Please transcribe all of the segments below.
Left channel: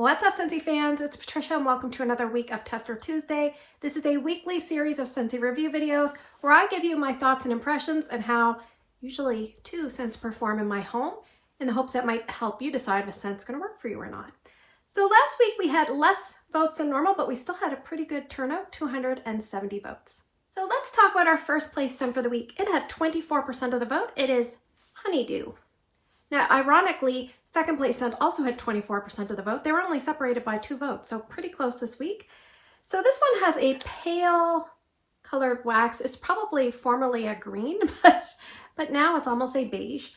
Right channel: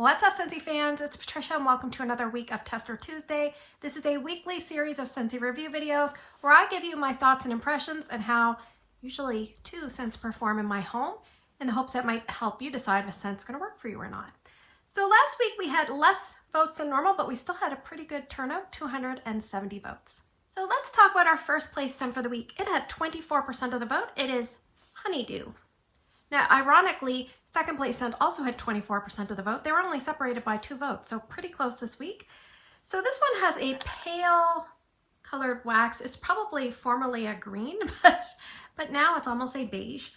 What's up, Scentsy fans? It's Patricia and welcome to another week of Tester Tuesday. This is a weekly series of Scentsy review videos where I give you my thoughts and impressions and how usually 2 scents perform in my home in the hopes that might help you decide if a scent's going to work for you or not. So last week we had less votes than normal, but we still had a pretty good turnout, 270 votes. So let's talk about our first place scent for the week. It had 24% of the vote. It is Honeydew. Now, ironically, second place scent also had 24% of the vote. They were only separated by 2 votes, so pretty close this week. So this one has a pale colored wax. It's probably formerly a green, but now it's almost a beige.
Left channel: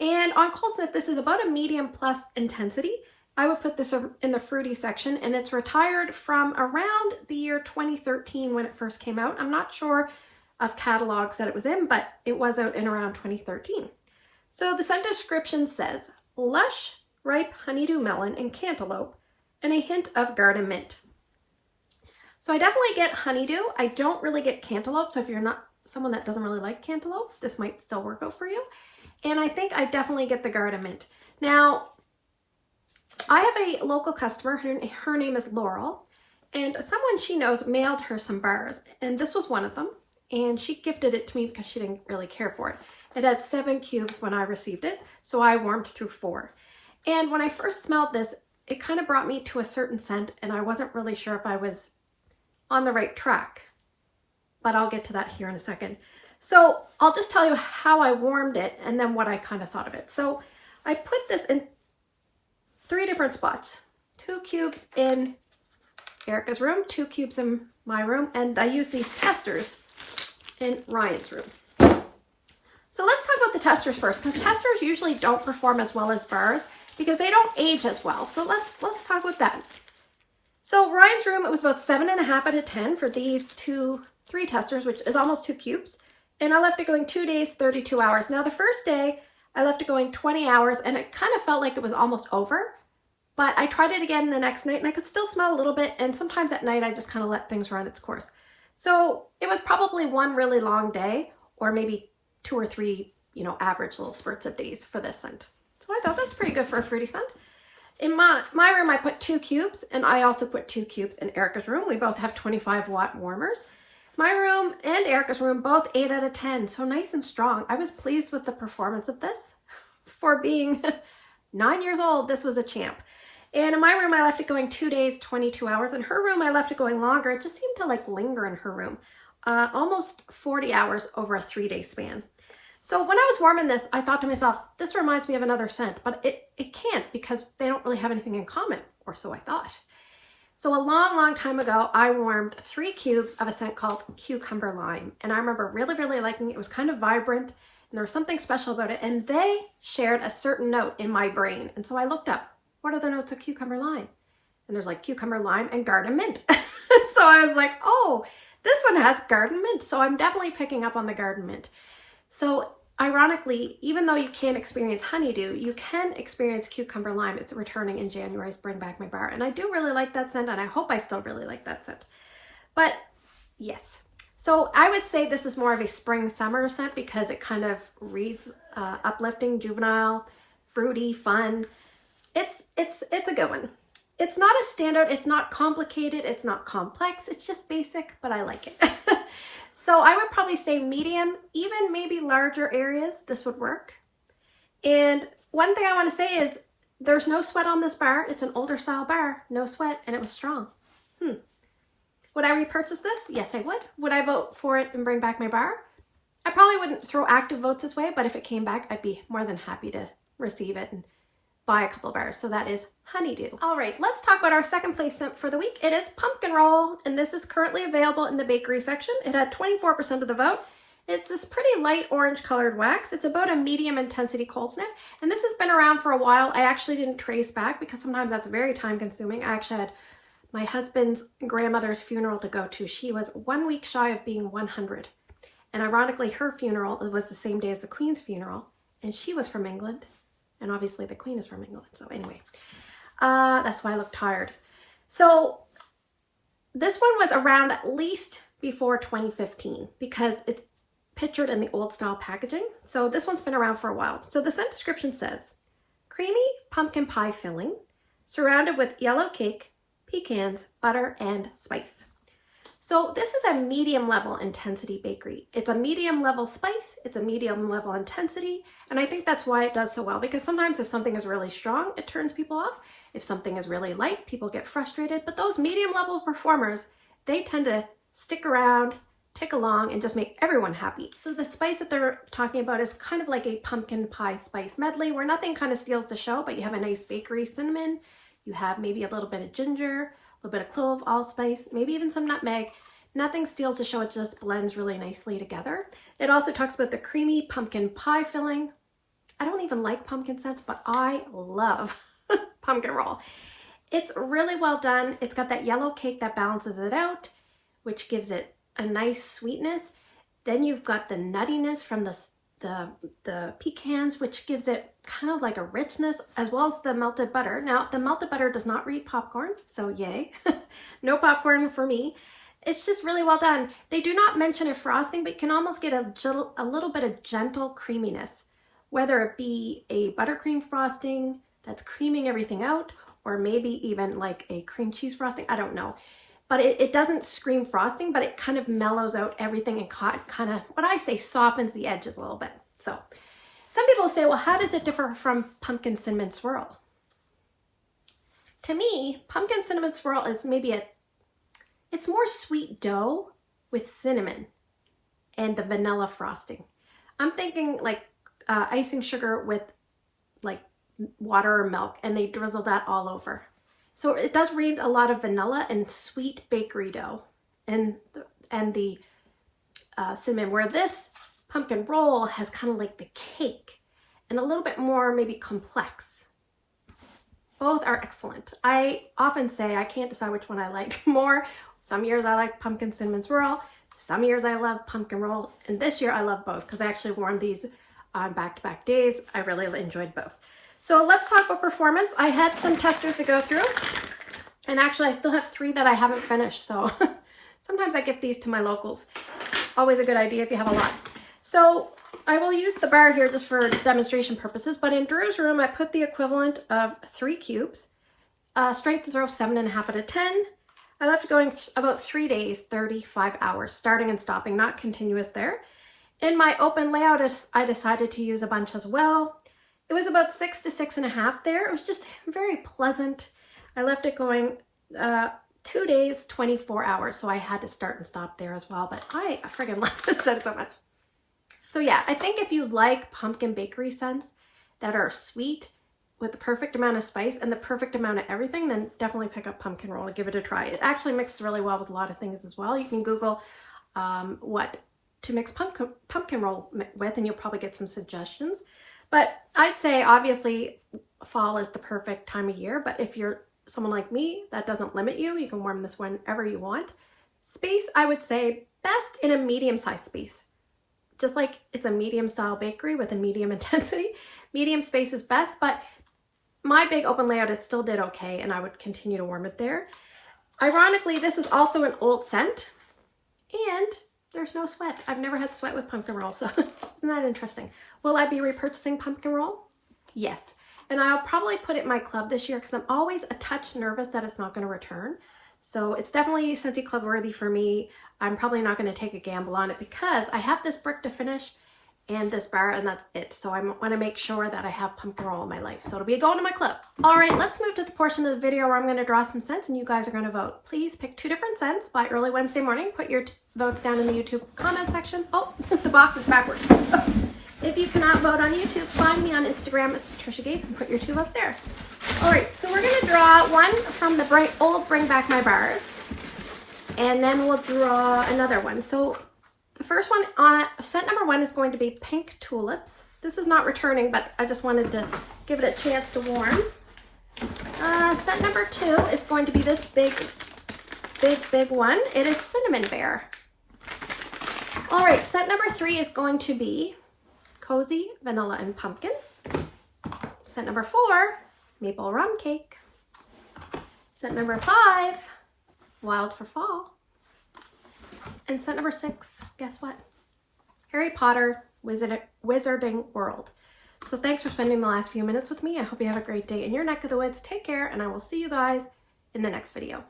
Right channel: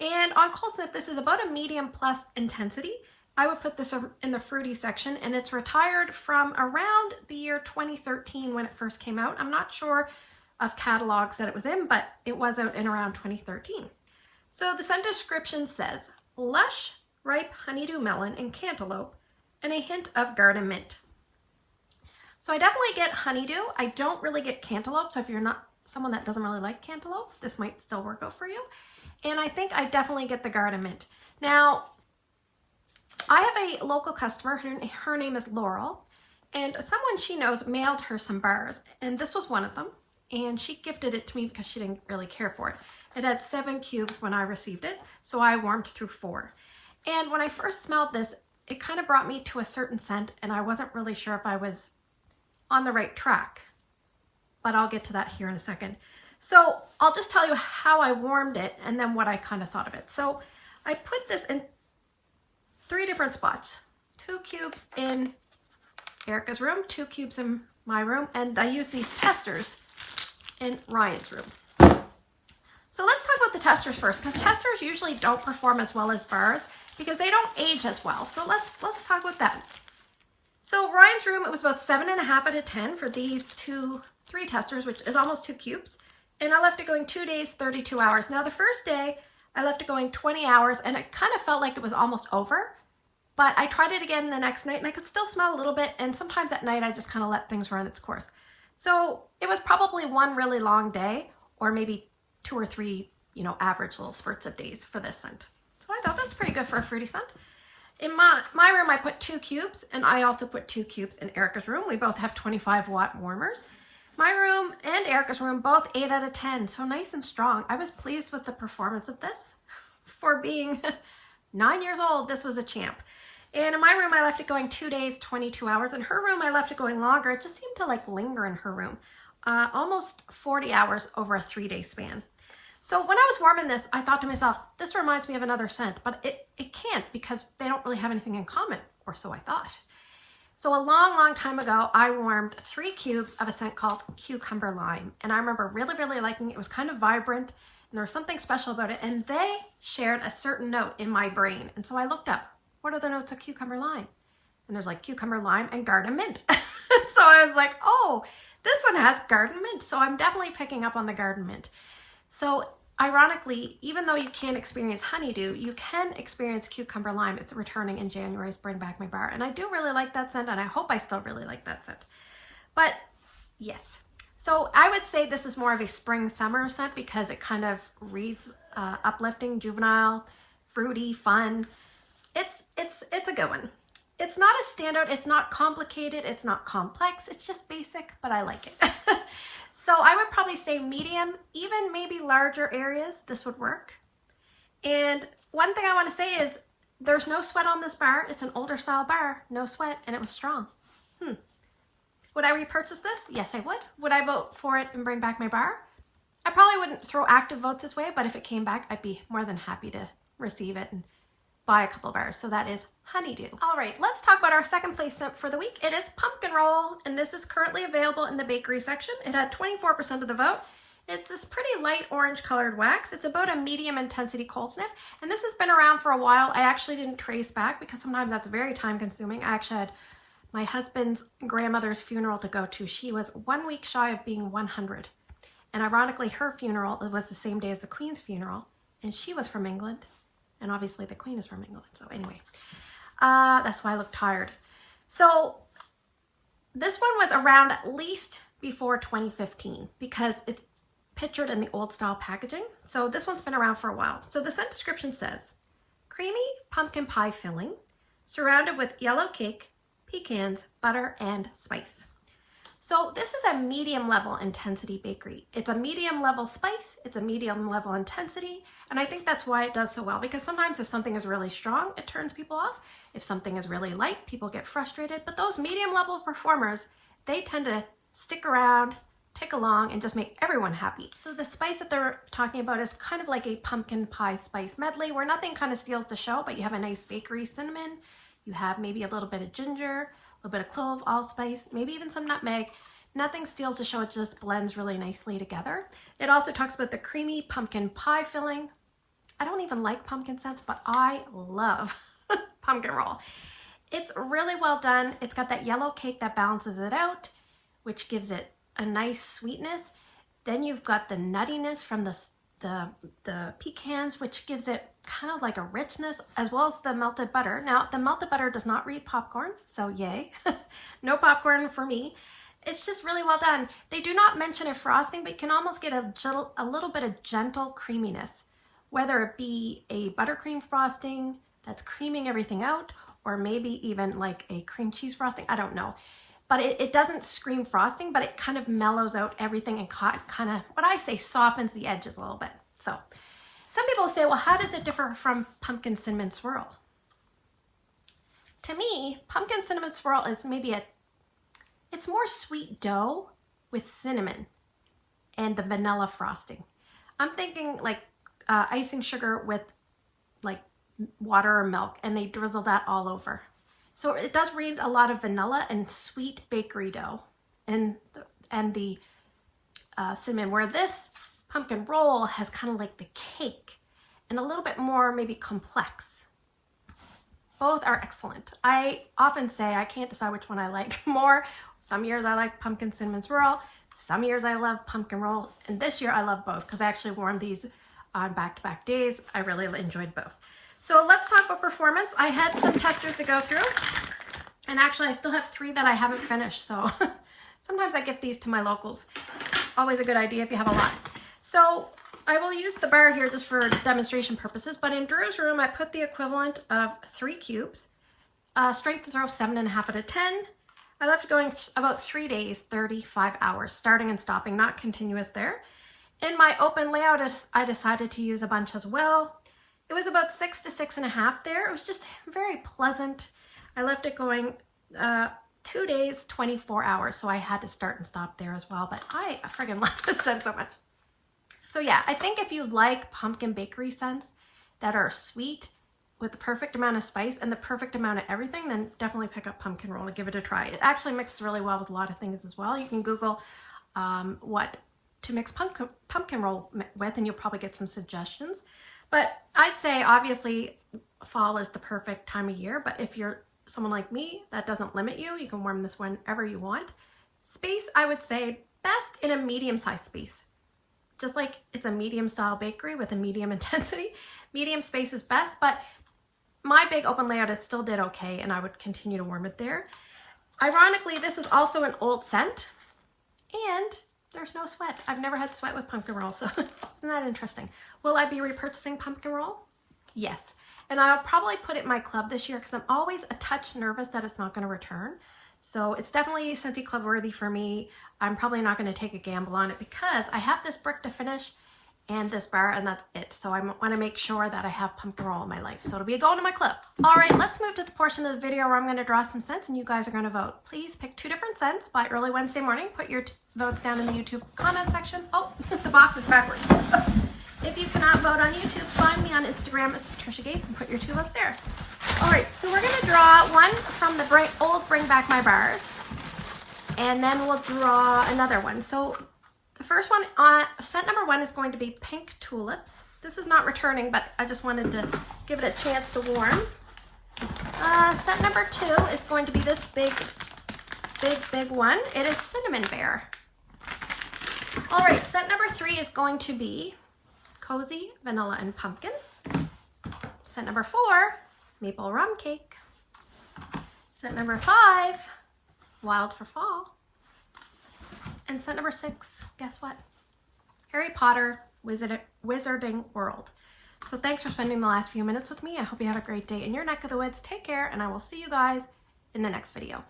And on cold sniff, this is about a medium plus intensity. I would put this in the fruity section, and it's retired from around the year 2013 when it first came out. I'm not sure of catalogs that it was in, but it was out in around 2013. So the scent description says, lush, ripe honeydew melon and cantaloupe, and a hint of garden mint. So I definitely get honeydew. I don't really get cantaloupe, so if you're not someone that doesn't really like cantaloupe, this might still work out for you. And I think I definitely get the garden mint. Now, I have a local customer, her name is Laurel, and someone she knows mailed her some bars, and this was one of them, and she gifted it to me because she didn't really care for it. It had 7 cubes when I received it, so I warmed through 4. And when I first smelled this, it kind of brought me to a certain scent, and I wasn't really sure if I was on the right track, but I'll get to that here in a second. So I'll just tell you how I warmed it and then what I kind of thought of it. So I put this in 3 different spots, 2 cubes in Erica's room, 2 cubes in my room, and I use these testers in Ryan's room. So let's talk about the testers first, because testers usually don't perform as well as bars because they don't age as well. So let's talk about that. So Ryan's room, it was about 7.5 out of 10 for these 3 testers, which is almost 2 cubes. And I left it going 2 days, 32 hours. Now the first day I left it going 20 hours and it kind of felt like it was almost over, but I tried it again the next night and I could still smell a little bit. And sometimes at night I just kind of let things run its course. So it was probably one really long day, or maybe 2 or 3, average little spurts of days for this scent. So I thought that's pretty good for a fruity scent. In my room, I put 2 cubes, and I also put 2 cubes in Erica's room. We both have 25-watt warmers. My room and Erica's room, both 8 out of 10, so nice and strong. I was pleased with the performance of this. For being 9 years old, this was a champ. And in my room, I left it going 2 days, 22 hours. In her room, I left it going longer. It just seemed to linger in her room. Almost 40 hours over a 3-day span. So when I was warming this, I thought to myself, this reminds me of another scent, but it can't because they don't really have anything in common, or so I thought. So a long, long time ago, I warmed 3 cubes of a scent called Cucumber Lime. And I remember really, really liking it. It was kind of vibrant and there was something special about it. And they shared a certain note in my brain. And so I looked up, what are the notes of Cucumber Lime? And there's Cucumber Lime and Garden Mint. So I was like, oh, this one has Garden Mint. So I'm definitely picking up on the Garden Mint. So ironically, even though you can't experience honeydew, you can experience cucumber lime. It's returning in January's Bring Back My Bar. And I do really like that scent, and I hope I still really like that scent. But yes, so I would say this is more of a spring-summer scent because it kind of reads uplifting, juvenile, fruity, fun. It's a good one. It's not a standout. It's not complicated. It's not complex. It's just basic, but I like it. So I would probably say medium, even maybe larger areas, this would work. And one thing I want to say is there's no sweat on this bar. It's an older style bar, no sweat, and it was strong. Would I repurchase this? Yes, I would. Would I vote for it and Bring Back My Bar? I probably wouldn't throw active votes this way, but if it came back, I'd be more than happy to receive it and buy a couple bars. So that is Honeydew. All right, let's talk about our second place scent for the week. It is Pumpkin Roll, and this is currently available in the bakery section. It had 24% of the vote. It's this pretty light orange colored wax. It's about a medium intensity cold sniff, and this has been around for a while. I actually didn't trace back because sometimes that's very time consuming. I actually had my husband's grandmother's funeral to go to. She was 1 week shy of being 100. And ironically, her funeral was the same day as the Queen's funeral, and she was from England. And obviously the Queen is from England. So anyway, that's why I look tired. So this one was around at least before 2015 because it's pictured in the old style packaging. So this one's been around for a while. So the scent description says, creamy pumpkin pie filling, surrounded with yellow cake, pecans, butter, and spice. So this is a medium level intensity bakery. It's a medium level spice, it's a medium level intensity, and I think that's why it does so well, because sometimes if something is really strong, it turns people off. If something is really light, people get frustrated, but those medium level performers, they tend to stick around, tick along, and just make everyone happy. So the spice that they're talking about is kind of like a pumpkin pie spice medley where nothing kind of steals the show, but you have a nice bakery cinnamon, you have maybe a little bit of ginger, a little bit of clove, allspice, maybe even some nutmeg. Nothing steals the show, it just blends really nicely together. It also talks about the creamy pumpkin pie filling. I don't even like pumpkin scents, but I love pumpkin roll. It's really well done. It's got that yellow cake that balances it out, which gives it a nice sweetness. Then you've got the nuttiness from the pecans, which gives it kind of like a richness, as well as the melted butter. Now, the melted butter does not read popcorn, so yay. No popcorn for me. It's just really well done. They do not mention a frosting, but you can almost get a little bit of gentle creaminess, whether it be a buttercream frosting that's creaming everything out, or maybe even like a cream cheese frosting. I don't know. But it doesn't scream frosting, but it kind of mellows out everything and kind of, what I say, softens the edges a little bit. So some people say, well, how does it differ from pumpkin cinnamon swirl? To me, pumpkin cinnamon swirl is maybe it's more sweet dough with cinnamon and the vanilla frosting. I'm thinking like icing sugar with like water or milk, and they drizzle that all over. So it does read a lot of vanilla and sweet bakery dough and the cinnamon, where this pumpkin roll has kind of like the cake and a little bit more maybe complex. Both are excellent. I often say I can't decide which one I like more. Some years I like pumpkin cinnamon swirl. Some years I love pumpkin roll. And this year I love both because I actually worn these on back-to-back days. I really enjoyed both. So let's talk about performance. I had some testers to go through. And actually I still have 3 that I haven't finished. So sometimes I give these to my locals. Always a good idea if you have a lot. So I will use the bar here just for demonstration purposes. But in Drew's room, I put the equivalent of 3 cubes. Strength to throw 7.5 out of 10. I left it going about 3 days, 35 hours, starting and stopping, not continuous there. In my open layout, I decided to use a bunch as well. It was about 6 to 6.5 there. It was just very pleasant. I left it going 2 days, 24 hours. So I had to start and stop there as well. But I friggin' love this scent so much. So yeah, I think if you like pumpkin bakery scents that are sweet with the perfect amount of spice and the perfect amount of everything, then definitely pick up pumpkin roll and give it a try. It actually mixes really well with a lot of things as well. You can Google what to mix pumpkin roll with, and you'll probably get some suggestions. But I'd say obviously fall is the perfect time of year, but if you're someone like me, that doesn't limit you. You can warm this whenever you want. Space, I would say best in a medium-sized space. Just like it's a medium-style bakery with a medium intensity. Medium space is best, but my big open layout, it still did okay, and I would continue to warm it there. Ironically, this is also an old scent, and there's no sweat. I've never had sweat with pumpkin roll, so isn't that interesting? Will I be repurchasing pumpkin roll? Yes. And I'll probably put it in my club this year because I'm always a touch nervous that it's not going to return. So it's definitely Scentsy Club worthy for me. I'm probably not going to take a gamble on it because I have this brick to finish and this bar, and that's it. So I want to make sure that I have pumpkin roll in my life. So it'll be a go to my club. All right, let's move to the portion of the video where I'm going to draw some scents and you guys are going to vote. Please pick 2 different scents by early Wednesday morning. Put your votes down in the YouTube comment section. Oh, the box is backwards. If you cannot vote on YouTube, find me on Instagram at Patricia Gates and put your 2 votes there. All right, so we're going to draw one from the old Bring Back My Bars, and then we'll draw another one. So the first one, scent number 1 is going to be Pink Tulips. This is not returning, but I just wanted to give it a chance to warm. Scent number 2 is going to be this big one. It is Cinnamon Bear. All right, scent number 3 is going to be Cozy Vanilla and Pumpkin. Scent number 4, Maple Rum Cake. Scent number 5, Wild for Fall. And scent number 6, guess what? Harry Potter Wizarding World. So thanks for spending the last few minutes with me. I hope you have a great day in your neck of the woods. Take care, and I will see you guys in the next video.